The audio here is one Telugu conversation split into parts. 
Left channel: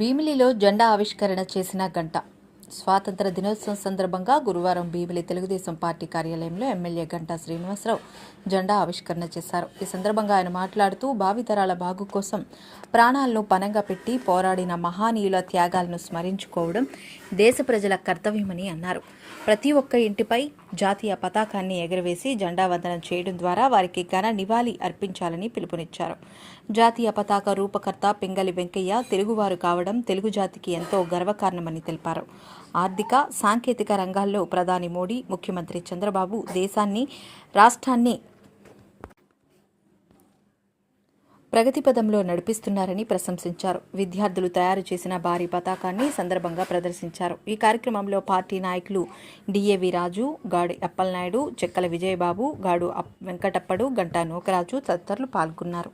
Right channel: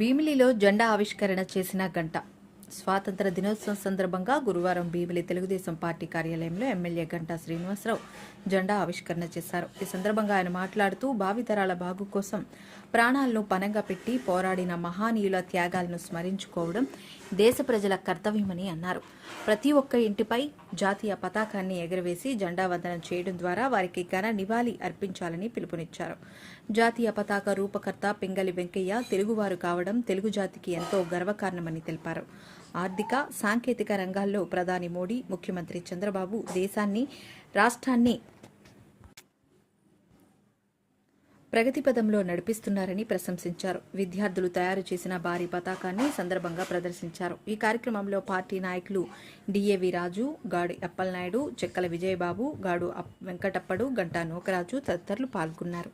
భీమిలిలో జెండా ఆవిష్కరణ చేసిన గంట. స్వాతంత్ర దినోత్సవం సందర్భంగా గురువారం భీమిలి తెలుగుదేశం పార్టీ కార్యాలయంలో ఎమ్మెల్యే గంటా శ్రీనివాసరావు జెండా ఆవిష్కరణ చేశారు. ఈ సందర్భంగా ఆయన మాట్లాడుతూ భావితరాల బాగు కోసం ప్రాణాలను పనంగా పెట్టి పోరాడిన మహానీయుల త్యాగాలను స్మరించుకోవడం దేశ ప్రజల కర్తవ్యమని అన్నారు. ప్రతి ఒక్క ఇంటిపై జాతీయ పతాకాన్ని ఎగరవేసి జెండా వందనం చేయడం ద్వారా వారికి ఘన నివాళి అర్పించాలని పిలుపునిచ్చారు. జాతీయ పతాక రూపకర్త పింగళి వెంకయ్య తెలుగువారు కావడం తెలుగు జాతికి ఎంతో గర్వకారణమని తెలిపారు. ఆర్థిక సాంకేతిక రంగాల్లో ప్రధాని మోడీ ముఖ్యమంత్రి చంద్రబాబు దేశాన్ని రాష్ట్రాన్ని ప్రగతిపథంలో నడిపిస్తున్నారని ప్రశంసించారు. విద్యార్థులు తయారు చేసిన భారీ పతాకాన్ని సందర్భంగా ప్రదర్శించారు. ఈ కార్యక్రమంలో పార్టీ నాయకులు డిఏవి రాజు గాడి అప్పలనాయుడు చెక్కల విజయబాబు గాడు అప్- వెంకటప్పడు గంటా నూకరాజు తదితరులు పాల్గొన్నారు.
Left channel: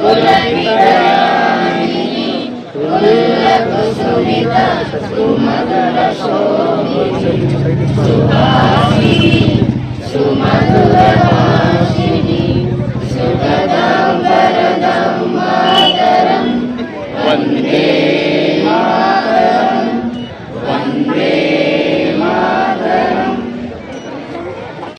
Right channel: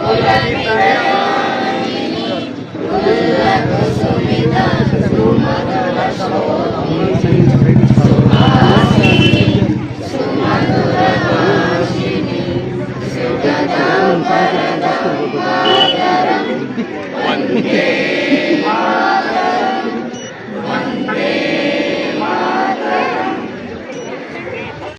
Kulapitayani, Kulakusumita, Sumatara Sobhi,